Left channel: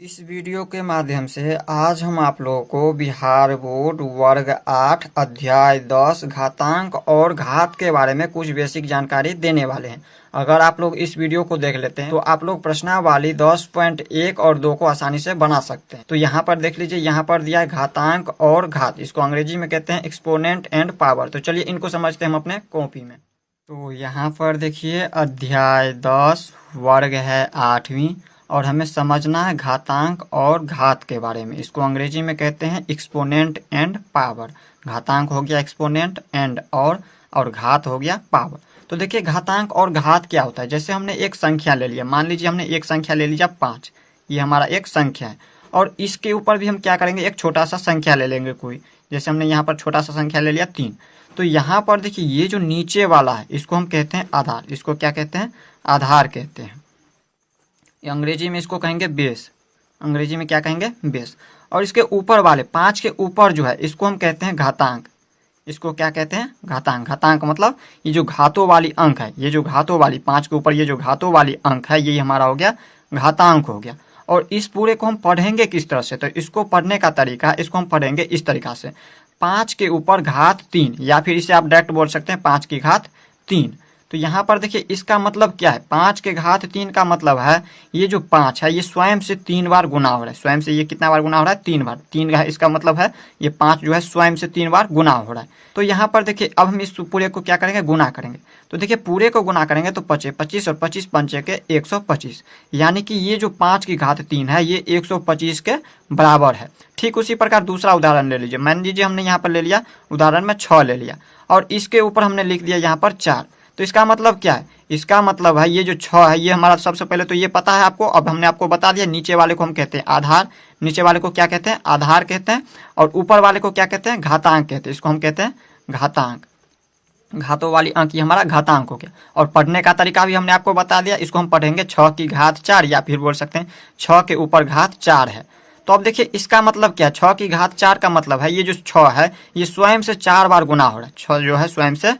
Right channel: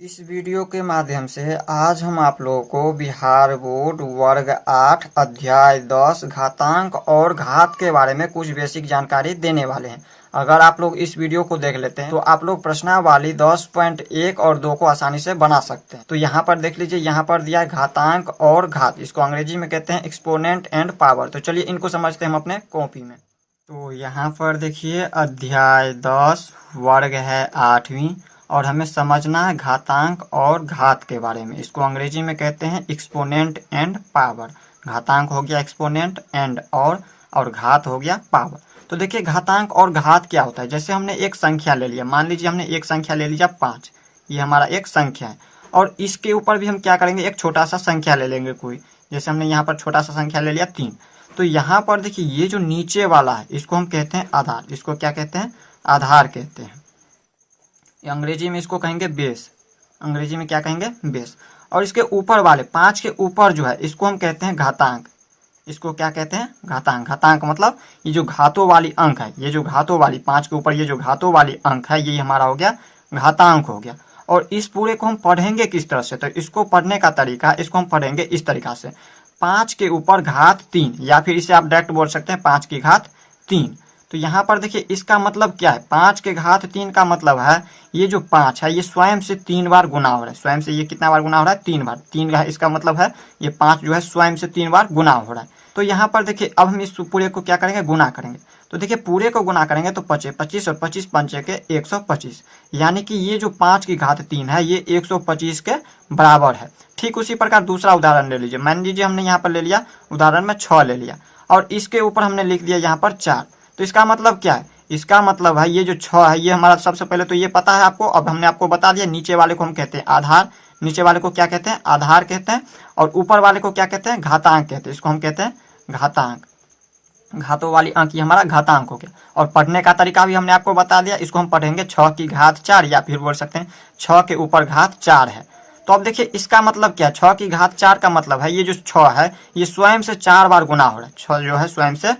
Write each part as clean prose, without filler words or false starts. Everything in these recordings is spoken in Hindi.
इस वीडियो के माध्यम से आज हम आप लोगों को बिहार बोर्ड वर्ग 8 अध्याय 10 घातांक और घात के बारे में कुछ बेसिक जानकारी देने वाले हैं। अगर आप लोग इस वीडियो को देख लेते हैं तो आप लोग प्रश्नावली 10.1 और 2 को आसानी से बना सकते हैं। तो यहाँ पर देख लीजिए, यहाँ पर दिया है घातांक और घात, इसको अंग्रेजी में कहते हैं एक्सपोनेंट एंड पावर। तो चलिए इनको समझते हैं हम अपने कॉपी में। तो यहाँ पर देखिए अध्याय 10 वर्ग है 8वीं और हमें समझना है घातांक और घात के बारे में। इसको अंग्रेजी में कहते हैं एक्सपोनेंट एंड पावर। घातांक हो गया एक्सपोनेंट एंड और घात हो गया पावर। तो देखिए घातांक और घात क्या होता है। जैसे हमने एक संख्या ले लिया, मान लीजिए हमने एक संख्या ले लिया 5, ये हमारा एक संख्या है और इसके ऊपर भी हम क्या करेंगे, एक छोटा सा संख्या ले लेंगे कोई। जैसे हमने यहाँ पर छोटा सा संख्या ले लिया 3। तो यहाँ पर देखिए ये जो नीचे वाला है इसको हम कहते हैं आधार। इसको क्या कहते हैं, आधार कहते हैं। अंग्रेजी में इसको कहेंगे बेस। अंग्रेजी में क्या कहेंगे, बेस। और इसके ऊपर वाले 5 के ऊपर जो है इसको हम कहते हैं घातांक। इसको क्या कहते हैं, घातांक। घातांक मतलब ये जो घातों वाली अंक है, ये जो घातों वाली 5 के ऊपर ये जो घातों वाली अंक है, ये हमारा हो गया घातांक हो गया। और इस पूरे को हम पढ़ेंगे किस तरह से, तो इसको पढ़ने का तरीका, इसको हम पढ़ेंगे इस तरीका से, 5 के ऊपर घात 3, या फिर इसे आप डायरेक्ट बोल सकते हैं 5 की घात 3। तो यहाँ पर देखिए इसका मतलब क्या है, 5 के घात 3 का मतलब है ये जो 5 है ये स्वयं से 3 बार गुना हो रहा है। स्वयं से ये कितना बार गुना हो रहा है, 3 बार। 3 का इसका मतलब है ये 5 जो है स्वयं से 3 बार गुना हो रहा है। तो यहाँ पर देखिए अब हम इस पूरे को क्या करेंगे, गुना करेंगे। तो देखिए पूरे को गुना करेंगे तो 25 और 25 पंचे के 125, यानी कि ये जो 5 की घात 3 है ये 125 के बराबर है। ठीक उसी प्रकार दूसरा उदाहरण ले लीजिए। मान लीजिए हमने यहाँ पर ले लिया उदाहरण में 6 ले लिया और इसके ऊपर हमने लिख दिया यहाँ पर 4। तो इसका मतलब क्या है, इसका मतलब है ये जो 6 है ये हमारा, सबसे पहले तो ये पता है आपको, अब हमने आपको बता दिया। नीचे वाले को हम कहते हैं आधार, नीचे वाले को क्या कहते हैं, आधार कहते हैं। और ऊपर वाले को क्या कहते हैं, घातांक कहते हैं। इसको हम कहते हैं घातांक। घातों वाली अंक ये हमारा घातांक हो गया। और पढ़ने का तरीका भी हमने आपको बता दिया। इसको हम पढ़ेंगे 6 की घात 4, या फिर बोल सकते हैं 6 के ऊपर घात 4 है। तो अब देखिए इसका मतलब क्या है, 6 की घात 4 का मतलब है ये जो 6 है ये स्वयं से 4 बार गुना हो रहा है। 6 जो है स्वयं से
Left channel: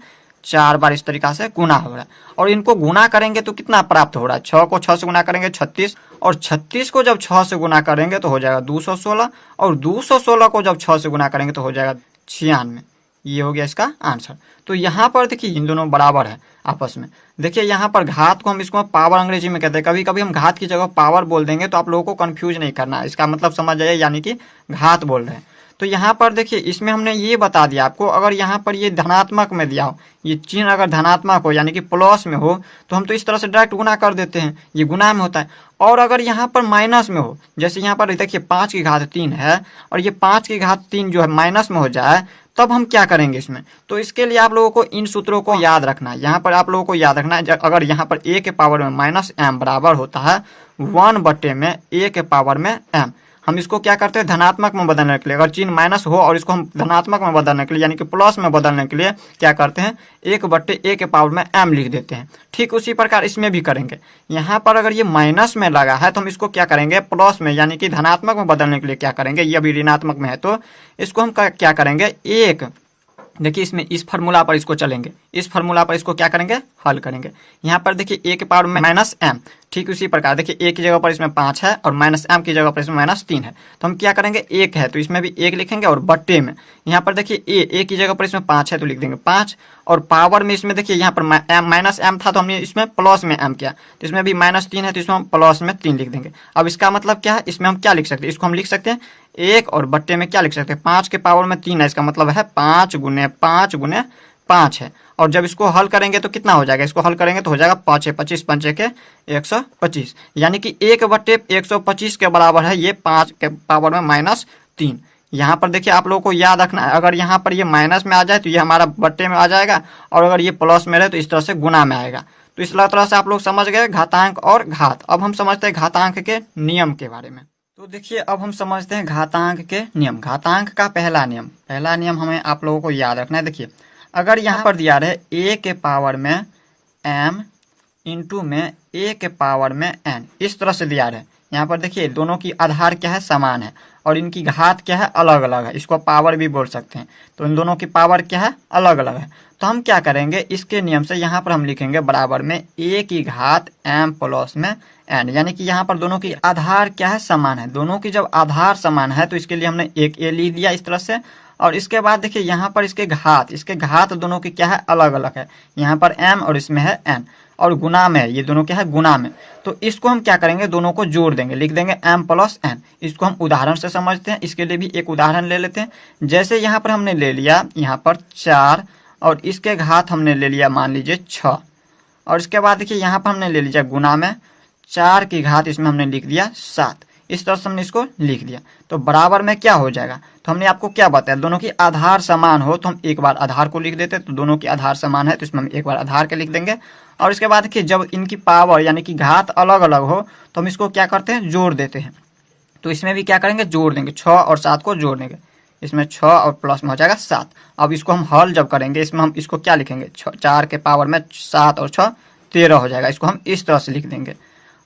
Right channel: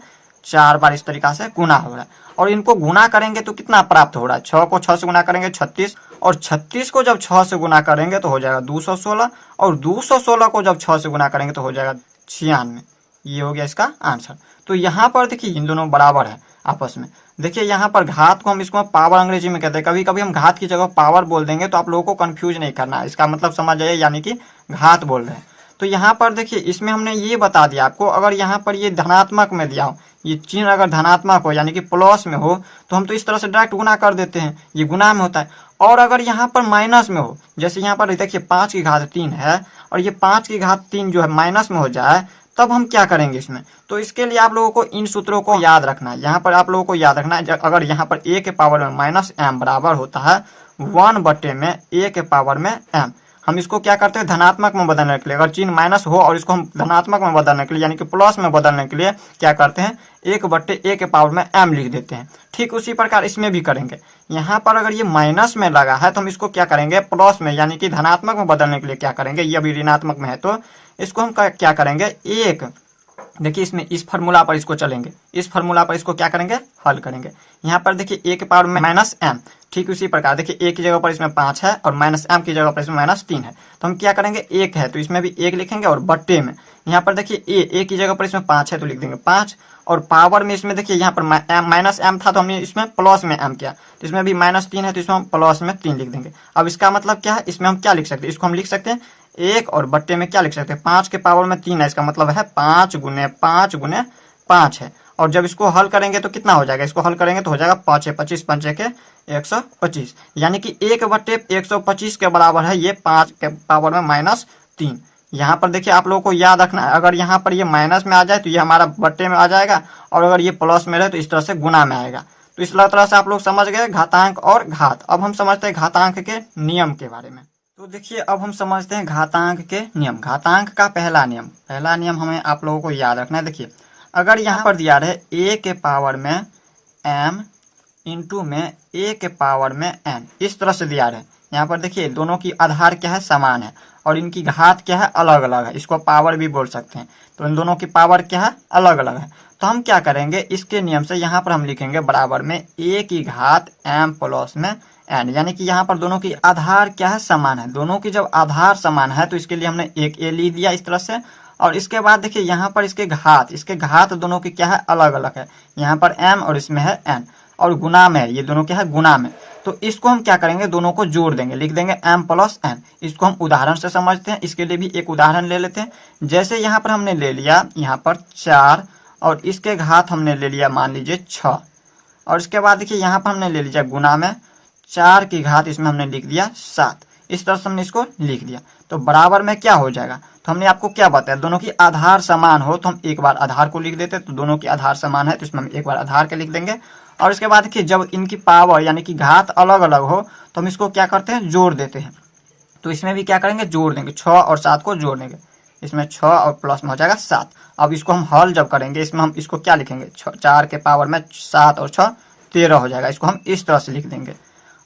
4 बार इस तरीका से गुना हो रहा है। और इनको गुना करेंगे तो कितना प्राप्त हो रहा है, 6 को 6 से गुना करेंगे 36, और 36 को जब 6 से गुना करेंगे तो हो जाएगा 216, और 216 को जब 6 से गुना करेंगे तो हो जाएगा 96। ये हो गया इसका आंसर। तो यहाँ पर देखिए इन दोनों बराबर है आपस में। देखिए यहाँ पर घात को हम इसको पावर अंग्रेजी में कहते हैं। कभी कभी हम घात की जगह पावर बोल देंगे तो आप लोगों को कंफ्यूज नहीं करना है, इसका मतलब समझ जाइए, यानी कि घात बोल रहे हैं। तो यहाँ पर देखिए इसमें हमने ये बता दिया आपको, अगर यहाँ पर ये धनात्मक में दिया हो, ये चिन्ह अगर धनात्मक हो यानी कि प्लस में हो तो हम तो इस तरह से डायरेक्ट गुना कर देते हैं, ये गुना में होता है। और अगर यहाँ पर माइनस में हो, जैसे यहाँ पर देखिए 5 की घात 3 है और ये 5 की घात 3 जो है माइनस में हो जाए, तब हम क्या करेंगे इसमें। तो इसके लिए आप लोगों को इन सूत्रों को याद रखना है। यहाँ पर आप लोगों को याद रखना है, अगर यहाँ पर a के पावर में माइनस m बराबर होता है 1 में a के पावर में m, हम इसको क्या करते हैं धनात्मक में बदलने के लिए, अगर चिन्ह माइनस हो और इसको हम धनात्मक में बदलने के लिए यानी कि प्लस में बदलने के लिए क्या करते हैं, 1/a के पावर में m लिख देते हैं। ठीक उसी प्रकार इसमें भी करेंगे। यहाँ पर अगर ये माइनस में लगा है तो हम इसको क्या करेंगे, प्लस में यानी कि धनात्मक में बदलने के लिए क्या करेंगे, ये अभी ऋणात्मक में है तो इसको हम क्या करेंगे, 1। देखिए इसमें इस फार्मूला पर इसको चलेंगे, इस फार्मूला पर इसको क्या करेंगे, हल करेंगे। यहाँ पर देखिए a के पावर में माइनस m, ठीक उसी प्रकार देखिए a की जगह पर इसमें 5 है और माइनस m की जगह पर इसमें -3 है। तो हम क्या करेंगे, 1 है तो इसमें भी 1 लिखेंगे और बट्टे में यहाँ पर देखिए a की जगह पर इसमें 5 है तो लिख देंगे 5, और पावर में इसमें देखिए यहाँ पर माइनस m था तो हमने इसमें प्लस में m किया, तो इसमें भी -3 है तो इसमें हम प्लस में 3 लिख देंगे। अब इसका मतलब क्या है, इसमें हम क्या लिख सकते हैं, इसको हम लिख सकते हैं 1 और बट्टे में क्या लिख सकते हैं, 5 के पावर में 3 है, इसका मतलब है 5 गुने 5 गुने 5 है। और जब इसको हल करेंगे तो कितना हो जाएगा, इसको हल करेंगे तो हो जाएगा 5 25 पंचे के 125, यानी कि 1/125 के बराबर है ये 5 के पावर में -3। यहाँ पर देखिए आप लोगों को याद रखना है, अगर यहाँ पर ये माइनस में आ जाए तो ये हमारा बट्टे में आ जाएगा, और अगर ये प्लस में रहे तो इस तरह से गुना में आएगा। तो इस तरह से आप लोग समझ गए घातांक और घात। अब हम समझते हैं घातांक के नियम के बारे में। तो देखिए अब हम समझते हैं घातांक के नियम। घातांक का पहला नियम हमें आप लोगों को याद रखना है। देखिए अगर यहाँ पर दिया रहे a के पावर में m इंटू में a के पावर में n, इस तरह से दिया रहे, यहाँ पर देखिए दोनों की आधार क्या है, समान है, और इनकी घात क्या है, अलग अलग है। इसको पावर भी बोल सकते हैं। तो इन दोनों की पावर क्या है, अलग अलग है। तो हम क्या करेंगे, इसके नियम से यहाँ पर हम लिखेंगे बराबर में a की घात m प्लस में n, यानी कि यहाँ पर दोनों की आधार क्या है, समान है। दोनों की जब आधार समान है तो इसके लिए हमने एक a लिख दिया इस तरह से। और इसके बाद देखिए यहाँ पर इसके घात दोनों की क्या है, अलग अलग है। यहाँ पर m और इसमें है n, और गुना में है, ये दोनों क्या है, गुना में। तो इसको हम क्या करेंगे, दोनों को जोड़ देंगे, लिख देंगे m प्लस n। इसको हम उदाहरण से समझते हैं। इसके लिए भी एक उदाहरण ले लेते हैं। जैसे यहाँ पर हमने ले लिया यहाँ पर 4, और इसके घात हमने ले लिया मान लीजिए 6, और इसके बाद देखिए यहाँ पर हमने ले लिया गुना में 4 की घात, इसमें हमने लिख दिया 7। इस तरह से हमने इसको लिख दिया। तो बराबर में क्या हो जाएगा, तो हमने आपको क्या बताया, दोनों की आधार समान हो तो हम एक बार आधार को लिख देते। तो दोनों की आधार समान है तो इसमें हम एक बार आधार के लिख देंगे। और इसके बाद देखिए जब इनकी पावर यानी कि घात अलग अलग हो तो हम इसको क्या करते हैं, जोड़ देते हैं। तो इसमें भी क्या करेंगे, जोड़ देंगे, 6 और 7 को जोड़ देंगे। इसमें 6 और प्लस में हो जाएगा 7। अब इसको हम हल जब करेंगे, इसमें हम इसको क्या लिखेंगे, 4 के पावर में 7 और 6 13 हो जाएगा। इसको हम इस तरह से लिख देंगे।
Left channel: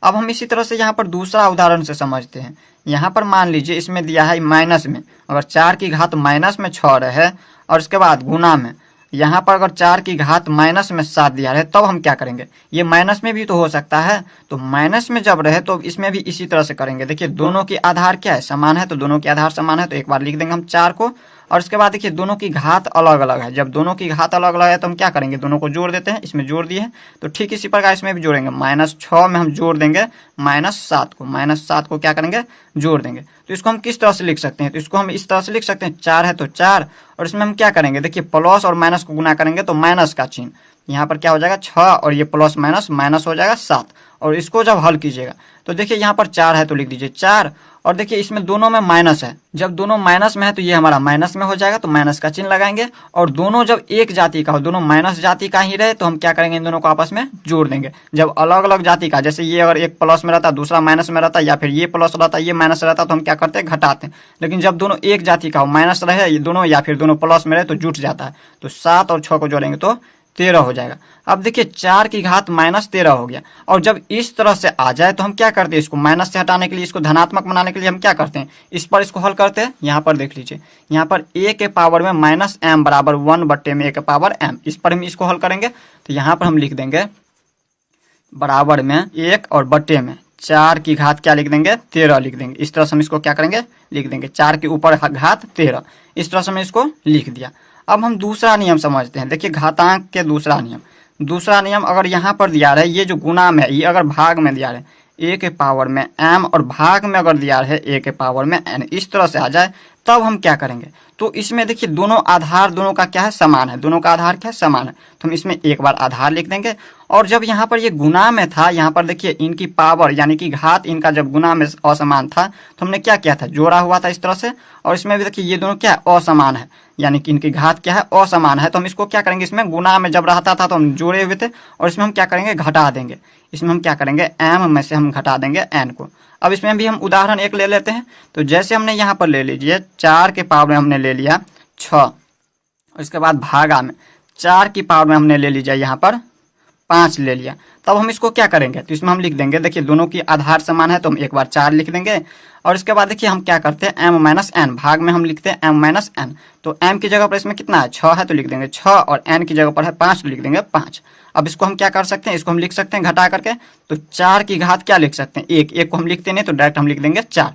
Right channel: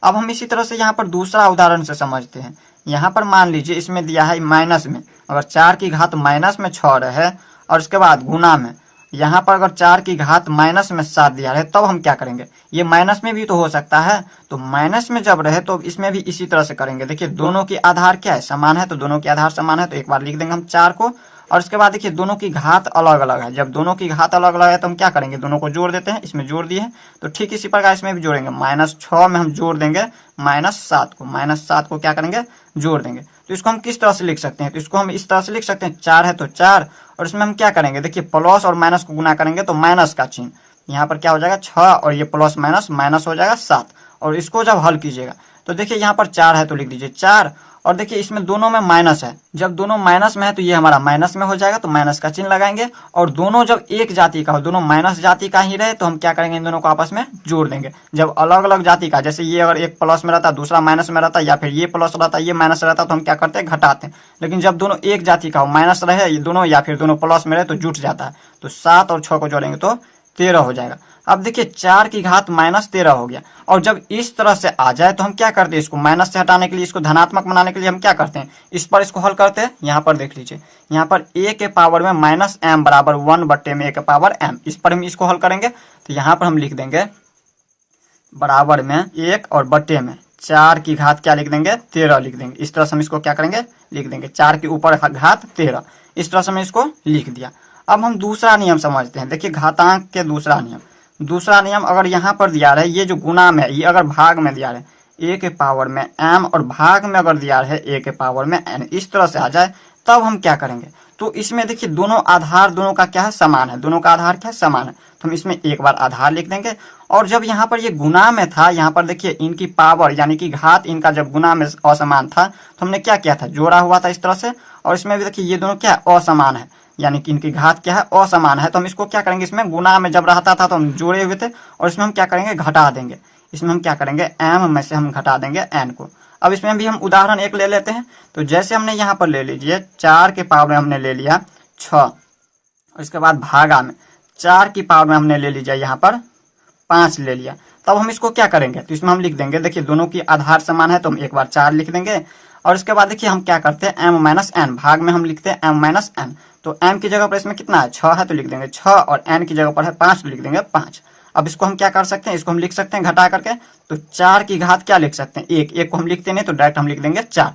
अब हम इसी तरह से यहाँ पर दूसरा उदाहरण से समझते हैं। यहाँ पर मान लीजिए इसमें दिया है माइनस में, अगर 4 की घात माइनस में 6 रहे, और इसके बाद गुना में यहाँ पर अगर 4 की घात माइनस में 7 दिया रहे, तब हम क्या करेंगे, ये माइनस में भी तो हो सकता है। तो माइनस में जब रहे तो इसमें भी इसी तरह से करेंगे। देखिए दोनों की आधार क्या है, समान है, तो दोनों की आधार समान है तो एक बार लिख देंगे हम 4 को। और इसके बाद देखिए दोनों की घात अलग अलग है। जब दोनों की घात अलग अलग है तो हम क्या करेंगे, दोनों को जोड़ देते हैं। इसमें जोड़ दिए हैं तो ठीक इसी प्रकार इसमें भी जोड़ेंगे। -6 में हम जोड़ देंगे -7 को, -7 को क्या करेंगे, जोड़ देंगे। तो इसको हम किस तरह से लिख सकते हैं, तो इसको हम इस तरह से लिख सकते हैं, 4 है तो 4, और इसमें हम क्या करेंगे, देखिए प्लस और माइनस को गुना करेंगे तो माइनस का चिन्ह यहाँ पर क्या हो जाएगा 6, और ये प्लस माइनस माइनस हो जाएगा 7। और इसको जब हल कीजिएगा तो देखिए यहाँ पर 4 है तो लिख दीजिए 4, और देखिए इसमें दोनों में माइनस है। जब दोनों माइनस में है तो ये हमारा माइनस में हो जाएगा, तो माइनस का चिन्ह लगाएंगे। और दोनों जब एक जाति का हो, दोनों माइनस जाति का ही रहे, तो हम क्या करेंगे, इन दोनों को आपस में जोड़ देंगे। जब अलग अलग जाति का, जैसे ये अगर एक प्लस में रहता दूसरा माइनस में रहता, या फिर ये प्लस रहता ये माइनस रहता, तो हम क्या करते हैं, घटाते हैं। लेकिन जब दोनों एक जाति का हो, माइनस रहे ये दोनों, या फिर दोनों प्लस में रहे, तो जुट जाता है। तो 7 और 6 को जोड़ेंगे तो 13 हो जाएगा। अब देखिए 4 की घात -13 हो गया। और जब इस तरह से आ जाए तो हम क्या करते हैं, इसको माइनस से हटाने के लिए, इसको धनात्मक बनाने के लिए हम क्या करते हैं, इस पर इसको हल करते हैं। यहाँ पर देख लीजिए, यहाँ पर a के पावर में -m बराबर 1 में a के पावर m, इस पर हम इसको हल करेंगे। तो यहाँ पर हम लिख देंगे बराबर में 1 और बट्टे में 4 की घात क्या लिख देंगे, 13 लिख देंगे। इस तरह से हम इसको क्या करेंगे, लिख देंगे 4 के ऊपर घात 13। इस तरह से हमने इसको लिख दिया। अब हम दूसरा नियम समझते हैं। देखिए घातांक के दूसरा नियम अगर यहाँ पर दिया रहे, ये जो गुना में ये अगर भाग में दिया रहे a के पावर में m, और भाग में अगर दिया रहे a के पावर में n, इस तरह से आ जाए तब हम क्या करेंगे, तो इसमें देखिए दोनों आधार दोनों का क्या है, समान है। दोनों का आधार क्या है, समान है। तो हम इसमें एक बार आधार लिख देंगे। और जब यहाँ पर ये गुना में था, यहाँ पर देखिए इनकी पावर यानी कि घात इनका जब गुना में असमान था तो हमने क्या किया था, जोड़ा हुआ था इस तरह से। और इसमें भी देखिए ये दोनों क्या है, असमान है, यानी कि इनकी घात क्या है, असमान है। तो हम इसको क्या करेंगे, इसमें गुना में जब रहता था तो हम जोड़े हुए थे, और इसमें हम क्या करेंगे, घटा देंगे। इसमें हम क्या करेंगे, m में से हम घटा देंगे n को। अब इसमें भी हम उदाहरण एक ले लेते हैं। तो जैसे हमने यहाँ पर ले लीजिए 4 के पावर में हमने ले लिया 6, और इसके बाद भागा में 4 की पावर में हमने ले लीजिए यहाँ पर 5 ले लिया। तब हम इसको क्या करेंगे, तो इसमें हम लिख देंगे, देखिए दोनों की आधार समान है तो हम एक बार 4 लिख देंगे। और इसके बाद देखिए हम क्या करते हैं, m - n, भाग में हम लिखते हैं m - n। तो m की जगह पर इसमें कितना है, 6 है तो लिख देंगे 6, और n की जगह पर है 5 तो लिख देंगे 5। अब इसको हम क्या कर सकते हैं, इसको हम लिख सकते हैं घटा करके। तो 4 की घात क्या लिख सकते हैं, 1 को हम लिखते नहीं तो डायरेक्ट हम लिख देंगे 4।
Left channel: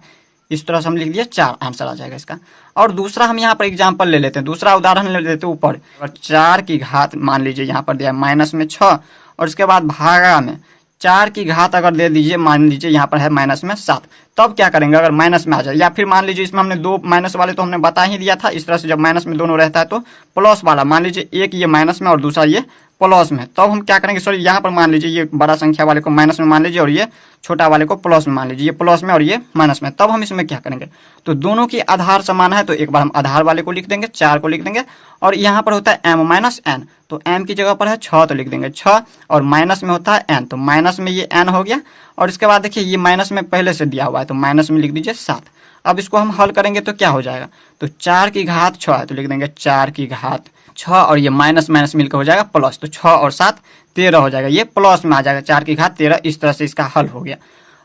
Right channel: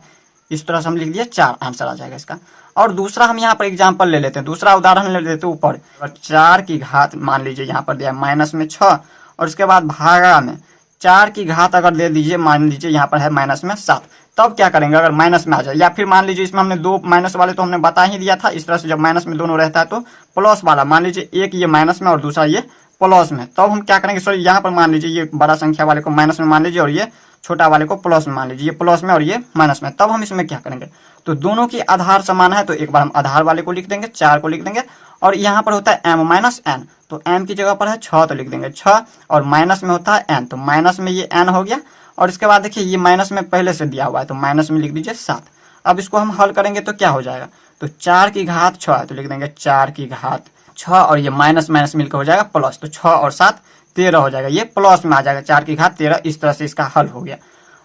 इस तरह से हम लिख दिए 4, आंसर आ जाएगा इसका। और दूसरा हम यहाँ पर एग्जाम्पल ले लेते हैं, दूसरा उदाहरण ले लेते हैं ऊपर। 4 की घात मान लीजिए यहाँ पर दिया माइनस में 6, और इसके बाद भागा में 4 की घात अगर दे दीजिए, मान लीजिए यहाँ पर है माइनस में 7। तब क्या करेंगे, अगर माइनस में आ जाए, या फिर मान लीजिए इसमें हमने दो माइनस वाले तो हमने बता ही दिया था। इस तरह से जब माइनस में दोनों रहता है तो प्लस वाला, मान लीजिए एक ये माइनस में और दूसरा ये प्लस में, तब हम क्या करेंगे, सॉरी यहाँ पर मान लीजिए ये बड़ा संख्या वाले को माइनस में मान लीजिए, और ये छोटा वाले को प्लस में मान लीजिए, ये प्लस में और ये माइनस में। तब हम इसमें क्या करेंगे, तो दोनों की आधार समान है तो एक बार हम आधार वाले को लिख देंगे, 4 को लिख देंगे। और यहाँ पर होता है m - n, तो m की जगह पर है 6 तो लिख देंगे 6, और माइनस में होता है n, तो माइनस में ये n हो गया। और इसके बाद देखिए ये माइनस में पहले से दिया हुआ है तो माइनस में लिख दीजिए 7। अब इसको हम हल करेंगे तो क्या हो जाएगा, तो 4 की घात 6 है तो लिख देंगे 4 की घात 6, और ये माइनस माइनस मिलकर हो जाएगा प्लस, तो 6 और 7 13 हो जाएगा, ये प्लस में आ जाएगा, 4 की घात 13। इस तरह से इसका हल हो गया।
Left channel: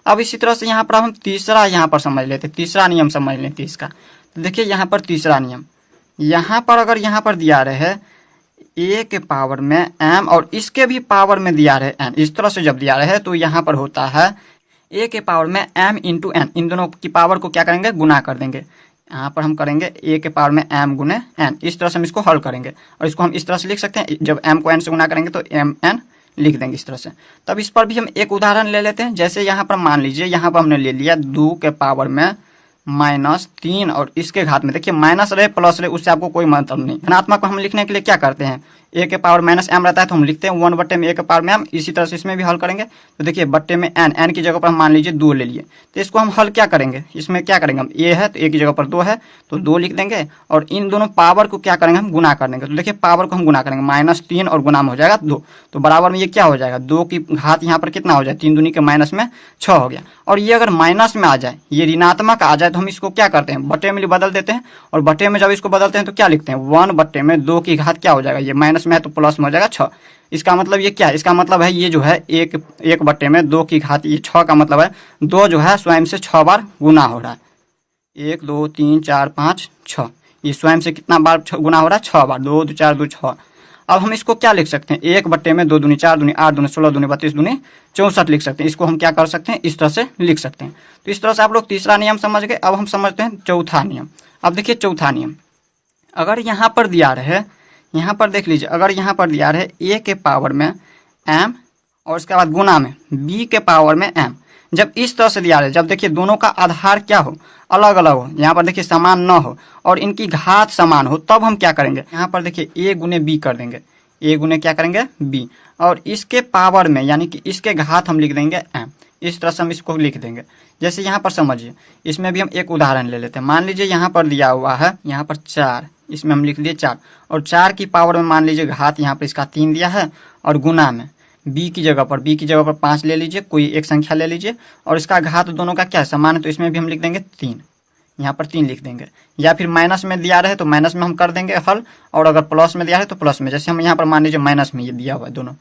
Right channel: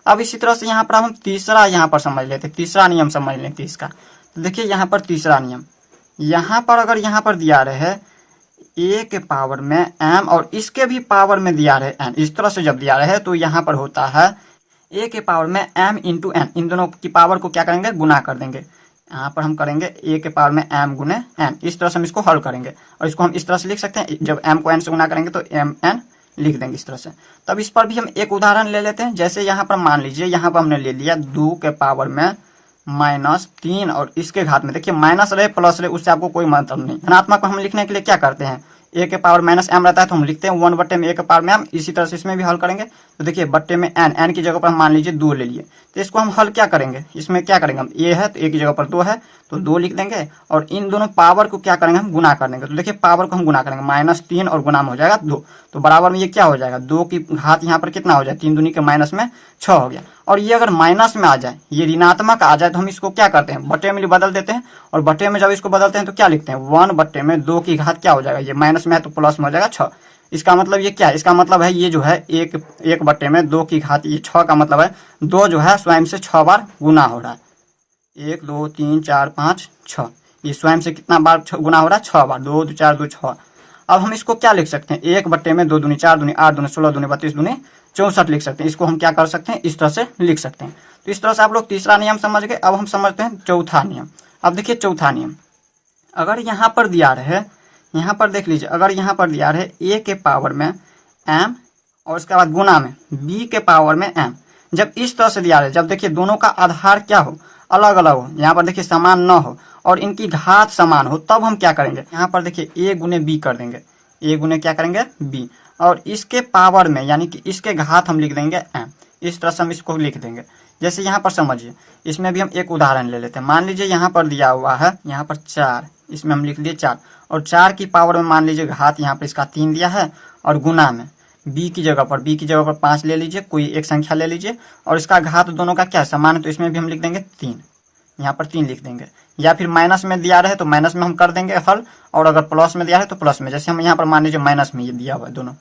अब इसी तरह से यहाँ पर हम तीसरा यहाँ पर समझ लेते हैं, तीसरा नियम समझ लेते हैं इसका। तो देखिए यहाँ पर तीसरा नियम, यहाँ पर अगर यहाँ पर दिया रहे a के पावर में m और इसके भी पावर में दिया रहे n, इस तरह से जब दिया रहे तो यहाँ पर होता है a के पावर में m इंटू n, इन दोनों की पावर को क्या करेंगे, गुना कर देंगे। यहाँ पर हम करेंगे a के पावर में m गुने n, इस तरह से हम इसको हल करेंगे और इसको हम इस तरह से लिख सकते हैं, जब m को n से गुना करेंगे तो mn लिख देंगे इस तरह से। तब इस पर भी हम एक उदाहरण ले लेते हैं। जैसे यहाँ पर मान लीजिए यहाँ पर हमने ले लिया 2 के पावर में -3 और इसके घात में, देखिए माइनस रहे प्लस रहे उससे आपको कोई मतलब नहीं। धनात्मक को हम लिखने के लिए क्या करते हैं, a के पावर -m रहता है तो हम लिखते हैं 1 बट्टे में a के पावर में m। इसी तरह से इसमें भी हल करेंगे तो देखिए बट्टे में n की जगह पर हम मान लीजिए 2 ले लिए, तो इसको हम हल क्या करेंगे, इसमें क्या करेंगे हम, a है तो a की जगह पर 2 है तो 2 लिख देंगे और इन दोनों पावर को क्या करेंगे हम, गुना कर देंगे। तो देखिए पावर को हम गुना करेंगे, -3 और गुना में हो जाएगा 2, तो बराबर में ये क्या हो जाएगा, 2 की घात यहाँ पर कितना हो जाए, 3 दूनी के माइनस में 6 हो गया। और ये अगर माइनस में आ जाए, ये ऋणात्मक आ जाए तो हम इसको क्या करते हैं, बट्टे में बदल देते हैं। और बट्टे में जब इसको बदलते हैं तो क्या लिखते हैं, 1 बट्टे में 2 की घात क्या हो जाएगा, ये माइनस में है तो प्लस में हो जाएगा 6। इसका मतलब ये क्या है, इसका मतलब है ये जो है एक बट्टे में 2 की घात, ये 6 का मतलब है 2 जो है स्वयं से 6 बार गुना हो रहा है। 1 2 3 4 5 6, ये स्वयं से कितना बार गुना हो रहा है, 6 बार, 2 2 4 2 6। अब हम इसको क्या लिख सकते हैं, 1 बट्टे में 2 दूनी 4 दूनी 8 दूनी 16 दूनी 32 दूनी 64 लिख सकते हैं। इसको हम क्या कर सकते हैं, इस तरह से लिख सकते हैं। तो इस तरह से आप लोग तीसरा नियम समझ गए। अब हम समझते हैं चौथा नियम। अब देखिए चौथा नियम, अगर यहाँ पर दिया रहे, यहाँ पर देख लीजिए, अगर यहाँ पर दिया रहे a के पावर में m और उसके बाद गुना में b के पावर में m, जब इस तरह से दिया रहे, जब देखिए दोनों का आधार क्या हो, अलग अलग हो, यहाँ पर देखिए समान न हो और इनकी घात समान हो, तब हम क्या करेंगे, यहाँ पर देखिए a गुने b कर देंगे, a गुने क्या करेंगे b, और इसके पावर में यानी कि इसके घात हम लिख देंगे m। इस तरह से हम इसको लिख देंगे। जैसे यहाँ पर समझिए, इसमें भी हम एक उदाहरण ले लेते हैं। मान लीजिए यहाँ पर दिया हुआ है, यहाँ पर 4, इसमें हम लिख दिए 4 और 4 की पावर में मान लीजिए घात यहाँ पर इसका 3 दिया है और गुना में b की जगह पर 5 ले लीजिए, कोई एक संख्या ले लीजिए और इसका घात दोनों का क्या समान है, तो इसमें भी हम लिख देंगे 3, यहाँ पर 3 लिख देंगे। या फिर माइनस में दिया रहे तो माइनस में हम कर देंगे हल, और अगर प्लस में दिया है तो प्लस में। जैसे हम यहाँ पर मान लीजिए माइनस में ये दिया हुआ है दोनों,